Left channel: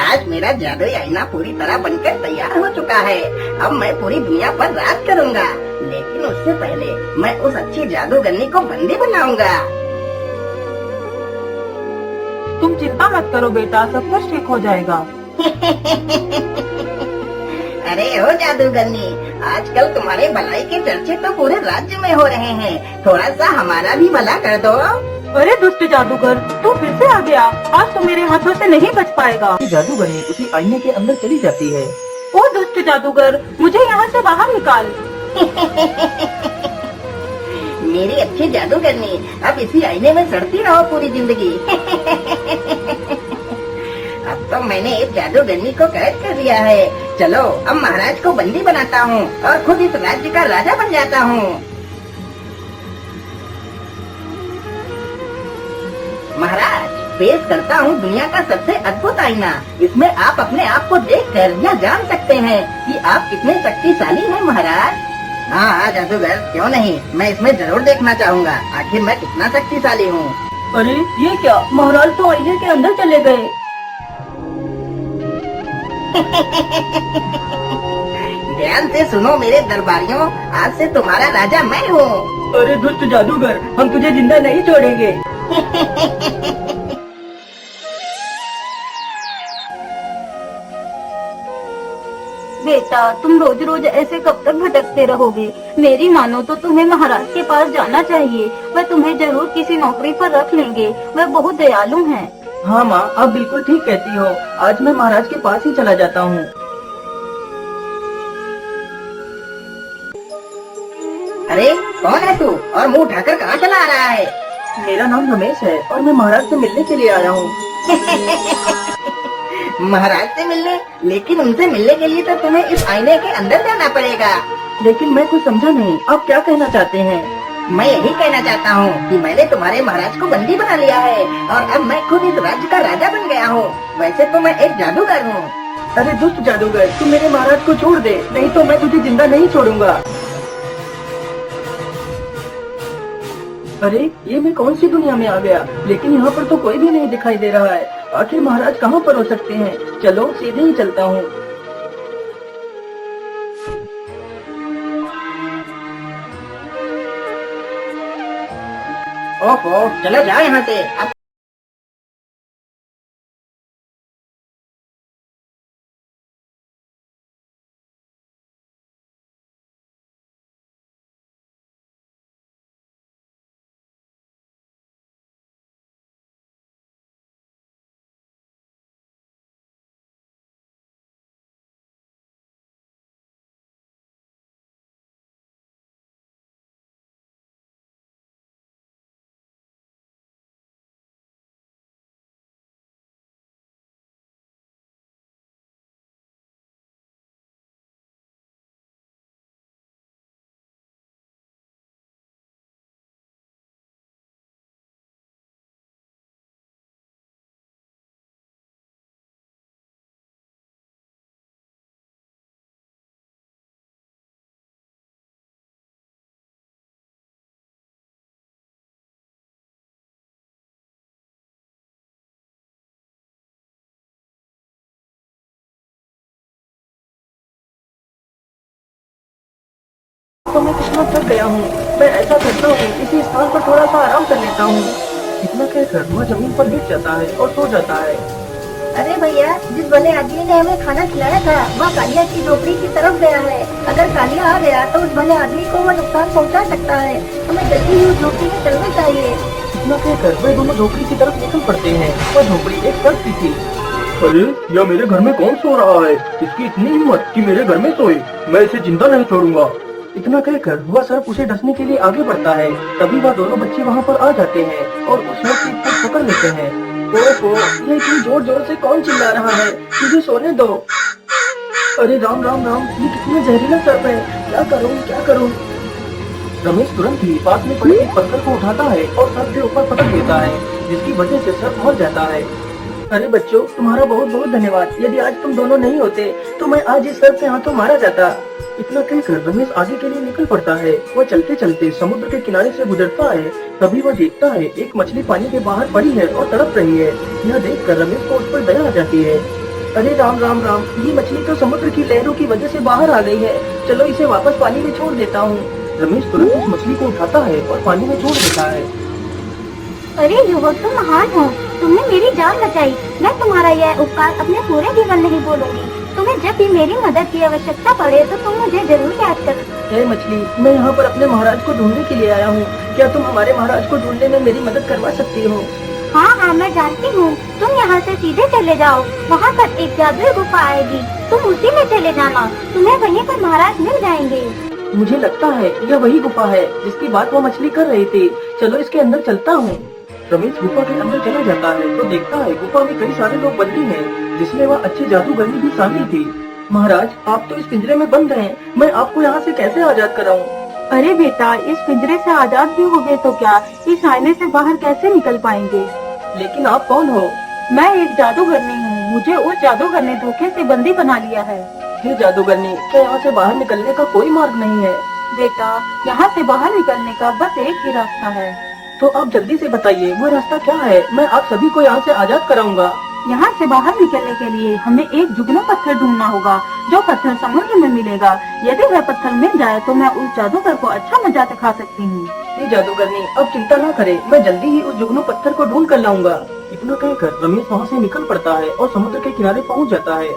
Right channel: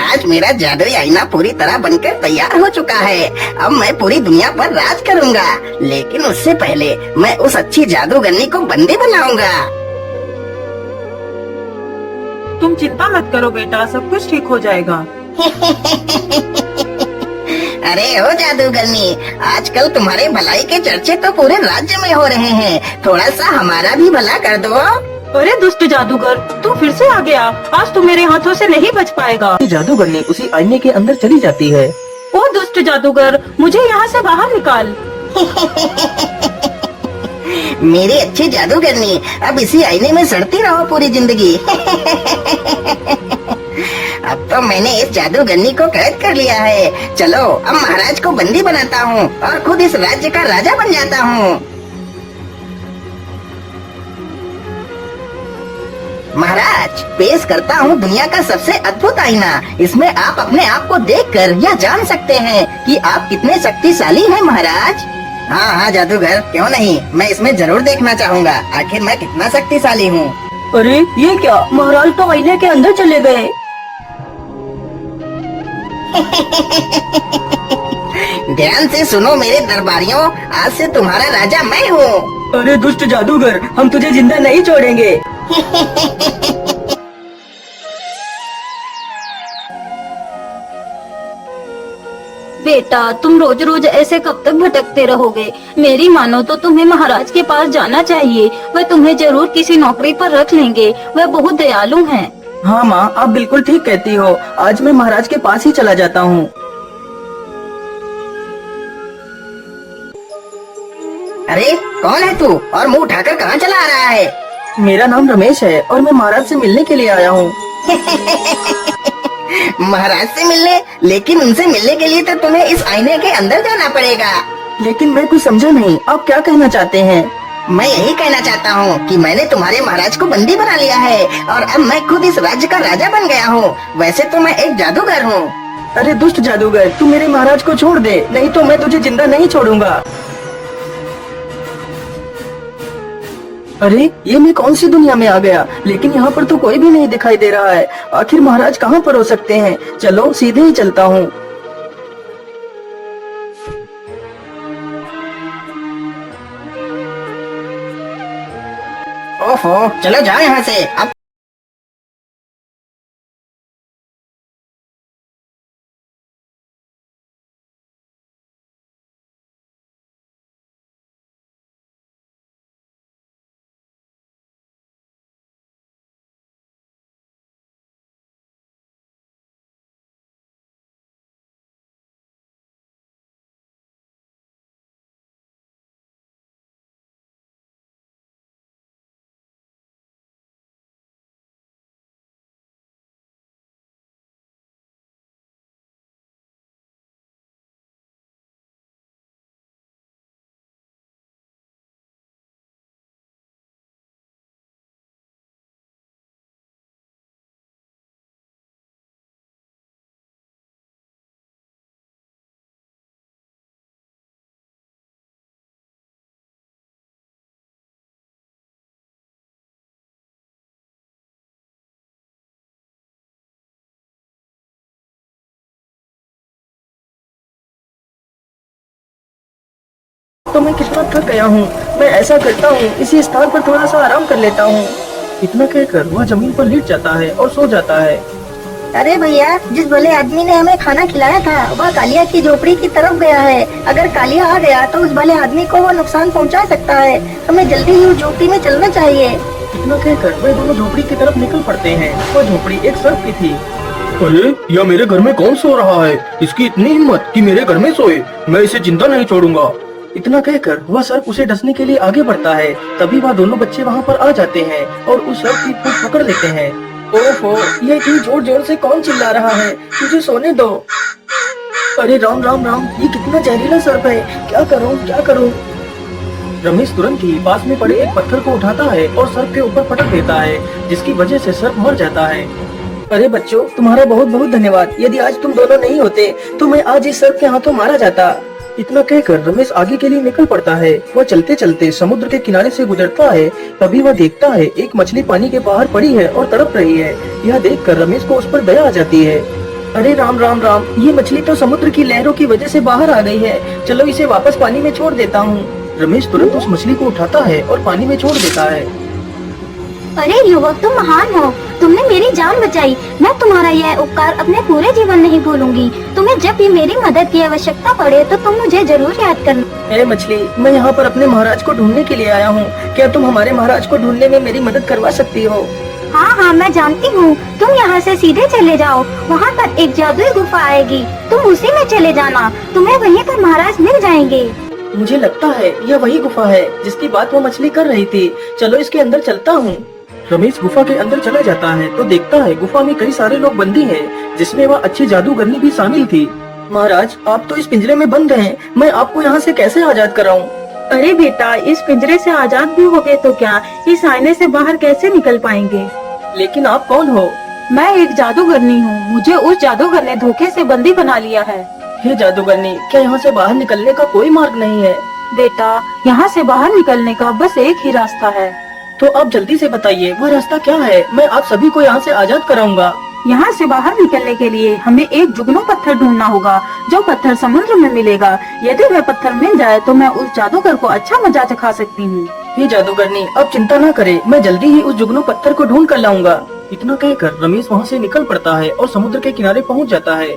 आज मेरा जादुई आईना पूरी तरह बनकर तैयार हो चुका है। अब मैं पूरी दुनिया पर राज करूंगा, लेकिन उससे पहले मैं उस अच्छी जादूगरनी को बंदी बनाऊंगा। तुम चिंता मत करो बेटा, सब कुछ ठीक हो जाएगा। अरे ओ जादूगरनी, आजकल तुम्हारे भलाई के चर्चे तो पूरे राज्य में हो रहे हैं। थोड़ा सा हमारा भी भला कर दो। अरे दुष्ट जादूगर, तू फिर से आ गया। आज तो मेरे हाथों से नहीं बच पाएगा। जादूगरनी उसी आईने के अंदर चली जाती है। ओ दुष्ट जादूगर, मुझे यहाँ से बाहर निकाल। मेरी अच्छी जादूगरनी, अब इसी आईने में सड़ती रहो पूरी जिंदगी। अब तो मैंने इस जादूगरनी को कैद कर लिया है। चलो अब महाराज को बंदी बनाता हूँ और खुद इस राज्य का राजा बन जाता हूँ। महाराज, पेश करता हूँ दुनिया का सबसे अद्भुत आईना। इसमें आप अपने आप को देखकर यह जान सकते हैं कि आप कितने शक्तिशाली हैं महाराज। हाँ हाँ जादूगर, क्यों नहीं, मैं इसमें जरूर देखना चाहूँगा आखिर मैं कितना शक्तिशाली हूँ। अरे ये क्या, महाराज तो आईने के अंदर चले गए। ध्यान से सुनो मेरे दरबारियों, आज से तुम्हारा राजा मैं हूँ। अरे दुष्ट जादूगर, हम तुझे जिंदा नहीं छोड़ेंगे। बेटा, तुम रोज रोज ऐसे कब तक भटकते रहोगे? मेरी मानो तो तुम्हें महाराज के पास जाना चाहिए। वह तुम्हें जरूर किसी नौकरी पर रख लेंगे। वह बहुत दयालु हैं। हाँ माँ, आप बिल्कुल ठीक कहती हो। आज मैं महाराज के पास ही चला जाता हूँ। अरे कौन है तू और मुंह उठाकर कहाँ चला आ रहा है? मेरा नाम रमेश है और मैं महाराज से मिलने के लिए आया हूँ। महाराज से मिलने? लेकिन उनसे मिलने के लिए तो तुम्हें इस आईने के अंदर जाना पड़ेगा। लेकिन मैं कुछ समझा नहीं, आप क्या कहना चाहते हैं? मैं यही कहना चाहता हूँ कि मैंने तुम्हारे महाराज को बंदी बना लिया है और अब मैं खुद इस राज्य का राजा बन गया हूँ। वैसे तो मैं एक जादूगर हूँ। अरे दुष्ट जादूगर, तू मेरे महाराज को छोड़ दे, नहीं तो मैं तुझे जिंदा नहीं छोड़ूंगा। अरे ये मैं कौन सी दुनिया में आ गया? लेकिन यहाँ पर तो कोई भी नहीं दिखाई दे रहा है। आखिर महाराज कहाँ पर हो सकते हैं? चलो सीधे ही चलता हूँ। ओफो, चलो जाओ यहाँ से। अब तो मैं कितना थक गया हूँ। मैं ऐसा करता हूँ, इसी स्थान पर थोड़ा सा आराम कर लेता हूँ। इतना कहकर वह जमीन पर लेट जाता है और सो जाता है। अरे भैया, जिस भले आदमी ने हमें खाना खिलाया था वह कालिया की झोपड़ी की तरफ गया है। अगर कालिया आ गया तो उस भले आदमी को वो नुकसान पहुंचा सकता है। हमें जल्दी ही उस झोपड़ी में चलना चाहिए। इतना कहकर वे दोनों झोपड़ी की तरफ निकल पड़ते हैं। वह झोपड़ी एक सर्प की थी। अरे यह मेरे घर में कौन सो रहा है? इसकी इतनी हिम्मत कि मेरे घर में सोए। मैं इसे जिंदा नहीं छोड़ूंगा। इतना कहकर वह सर्प उसे डसने के लिए आगे बढ़ता है। तभी वह दोनों बच्चे वहाँ पर आ जाते हैं और उस सर्प की पूंछ पकड़ लेते हैं। ओहो, ये इतनी जोर जोर से कौन चिल्ला रहा है? मुझे सोने दो। अरे राम राम राम, ये कितना जहरीला सर्प है। क्या करूं क्या करूं? रमेश तुरंत ही पास में पड़े एक पत्थर को उठाता है और सर्प के ऊपर पटक देता है, जिसकी वजह से सर्प मर जाता है। अरे बच्चों, तुम्हारा बहुत बहुत धन्यवाद। यदि आज तुम दोनों नहीं होते तो मैं आज इस सर्प के हाथों मारा जाता। इतना कहकर रमेश आगे के लिए निकल पड़ता है। वह चलते चलते समुद्र के किनारे से गुजरता है। तभी वह देखता है एक मछली पानी के बाहर पड़ी है और तड़प रही है। यह देखकर रमेश को उस पर दया आ जाती है। अरे राम राम राम, ये मछली तो समुद्र की लहरों की वजह से बाहर आ गई है। चलो इसे वापस पानी में छोड़ देता हूँ। रमेश तुरंत उस मछली को उठाता है और पानी में छोड़ देता है। अरे युवक, तुम महान हो, तुमने मेरी जान बचाई। मैं तुम्हारा यह उपकार अपने पूरे जीवन नहीं भूलूंगी। तुम्हें जब भी मेरी मदद की आवश्यकता पड़े तो तुम मुझे जरूर याद करना। ए मछली, मैं यहाँ पर अपने महाराज को ढूंढने के लिए आया हूँ। क्या तुम हमारे महाराज को ढूंढने में मेरी मदद करवा सकती हो? हाँ हाँ, मैं जानती हूँ। तुम यहाँ से सीधे चले जाओ, वहाँ पर एक जादुई गुफा आएगी, तुम उसी में चले जाना। तुम्हें वहीं पर महाराज मिल जाएंगे। मुझे लगता है यह वही गुफा है जिसकी बात वो मछली कर रही थी। चलो इसके अंदर चलता हूँ। रमेश गुफा के अंदर चला जाता है तो देखता है गुफा में कई सारे लोग बंदी हैं, जिसमें वह अच्छी जादूगरनी भी शामिल थी। महाराज, आप तो इस पिंजरे में बंद हैं, मैं आपको यहाँ से कैसे आजाद कराऊं? अरे बेटा, इस पिंजरे से आजाद भी हो गए तो क्या, इस आईने से बाहर कैसे निकल पाएंगे? लेकिन आप कौन हो? मैं एक जादूगरनी हूँ। मुझे उस जादूगर ने धोखे से बंदी बना लिया है। हे जादूगरनी, क्या यहाँ से बाहर निकलने का कोई मार्ग नहीं है? बेटा, यहाँ से बाहर निकलने का बस एक ही रास्ता है। तो आप जल्दी से बताइए वह रास्ता क्या है, मैं आप सभी को यहाँ से आजाद कराऊंगा। यहाँ से बाहर निकलने के लिए हमें एक जुगनू पत्थर ढूंढना होगा, जो पत्थर समुद्र में मिलेगा। यदि वह पत्थर मिल जाए तो मैं उस जादूगर को अच्छा मजा चखा सकती हूँ। ये जादूगरनी, अब चिंता न करे, मैं जल्दी ही उस जुगनू पत्थर को ढूंढ कर लाऊंगा। इतना कहकर रमेश वहाँ से निकल पड़ता है और समुद्र के किनारे पहुँच जाता है।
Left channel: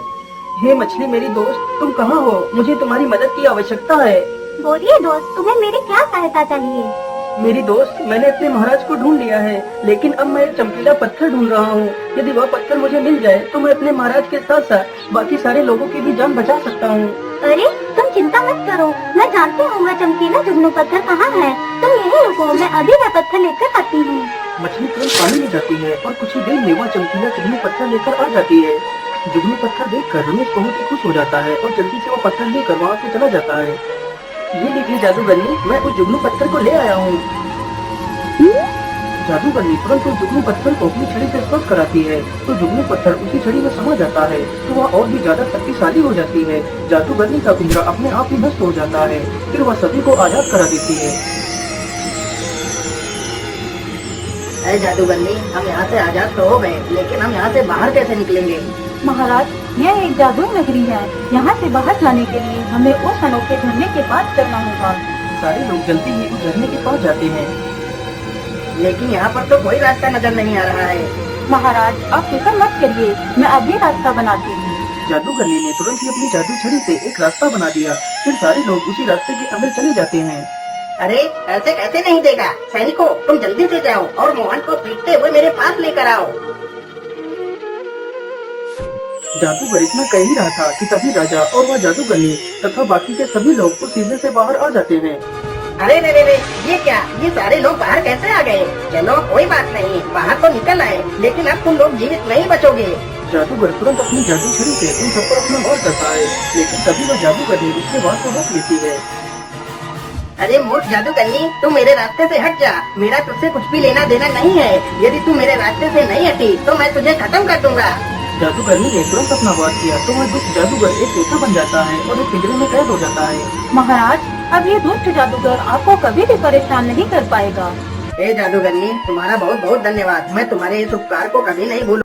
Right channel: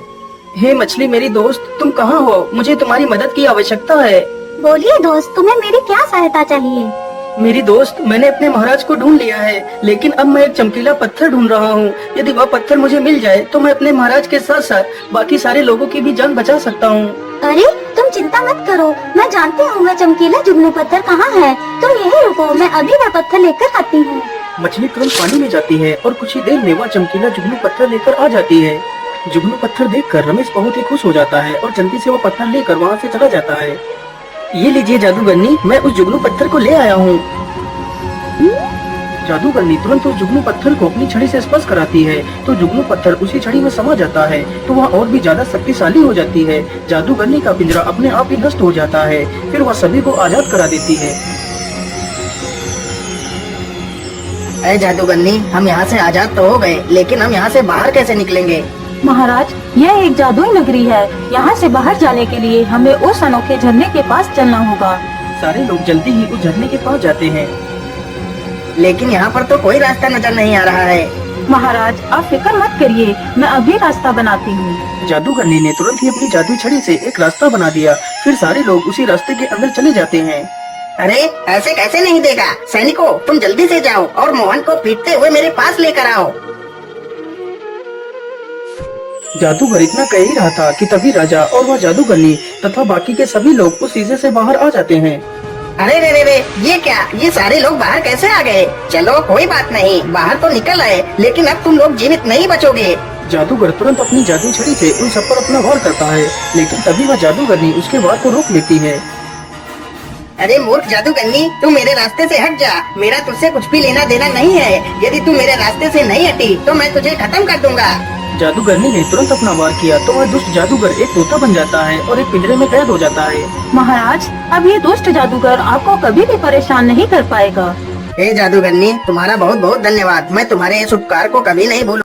हे मछली मेरी दोस्त, तुम कहाँ हो? मुझे तुम्हारी मदद की आवश्यकता है। बोलिए दोस्त, तुम्हें मेरी क्या सहायता चाहिए? मेरी दोस्त, मैंने अपने महाराज को ढूंढ लिया है, लेकिन अब मैं एक चमकीला पत्थर ढूंढ रहा हूँ। यदि वह पत्थर मुझे मिल जाए तो मैं अपने महाराज के साथ साथ बाकी सारे लोगों की भी जान बचा सकता हूँ। अरे तुम चिंता मत करो, मैं जानती हूँ वह चमकीला जुगनू पत्थर कहाँ है। तुम यहीं रुको, मैं अभी वह पत्थर लेकर आती हूँ। मछली तुरंत पानी में जाती है और कुछ ही देर में वह चमकीला जुगनू पत्थर लेकर आ जाती है। जुगनू पत्थर देखकर रमेश बहुत ही खुश हो जाता है और जल्दी से वो पत्थर लेकर वहाँ से चला जाता है। ये लीजिए जादूगरनी, मैं उस जुगनू पत्थर को ले आया हूँ। जादूगरनी तुरंत उस जुगनू पत्थर को अपनी छड़ी से स्पर्श कराती है तो जुगनू पत्थर उसी छड़ी में समा जाता है तो वह और भी ज्यादा शक्तिशाली हो जाती है। जादूगरनी का पिंजरा अपने आप ही नष्ट हो जाता है। फिर वह सभी को आजाद करा देती है। अरे जादूगरनी, हम यहाँ से आजाद तो हो गए, लेकिन हम यहाँ से बाहर कैसे निकलेंगे? महाराज, यह एक जादुई नगरी है। यहाँ से बाहर जाने के लिए हमें उस अनोखे झरने के पास चलना होगा। सारे लोग जल्दी ही उस झरने के पास जाते हैं। लेकिन यहाँ पर तो कोई रास्ता नजर नहीं आ रहा है। महाराज, आप फिक्र मत करिए, मैं अभी रास्ता बनाती हूँ। जादूगरनी ने तुरंत ही अपनी जादू छड़ी से एक रास्ता बना दिया। फिर सारे लोग उसी रास्ते के अंदर चले जाते हैं। अरे ऐसे कैसे नहीं देगा? सैनिकों, तुम जल्दी से जाओ और मोहन को पीटते हुए मेरे पास लेकर आओ। जादूगर इतना कह ही रहा था कि तभी राजा और वह जादूगरनी तथा बाकी के सभी लोग उस शीशे से बाहर आ जाते हैं। अरे रे रे रे, ये क्या? ये सारे लोग बाहर कैसे आ गए? चलो कोई बात नहीं, बाहर तो निकल आए, लेकिन अब तुम लोग जीवित नहीं बचोगे। जादूगर तुरंत अपनी जादू छड़ी से उन सब पर अपना वार करता है, लेकिन तभी वह जादूगरनी उसके वार को रोक लेती है। अरे मूर्ख जादूगरनी, तू मेरे रास्ते से हट जा। मेरा तुझसे कुछ भी लेना देना नहीं है। यदि तू मेरे रास्ते से नहीं हटी तो मैं तुझे खत्म कर दूंगा। जादूगरनी ने तुरंत अपना वार किया तो वह दुष्ट जादूगर एक तोता बन जाता है और एक पिंजरे में कैद हो जाता है। महाराज, अब ये दुष्ट जादूगर आपको कभी भी परेशान नहीं कर पाएगा। हे जादूगरनी, तुम्हारा बहुत बहुत धन्यवाद। मैं तुम्हारे इस उपकार को कभी नहीं भूलूंगा।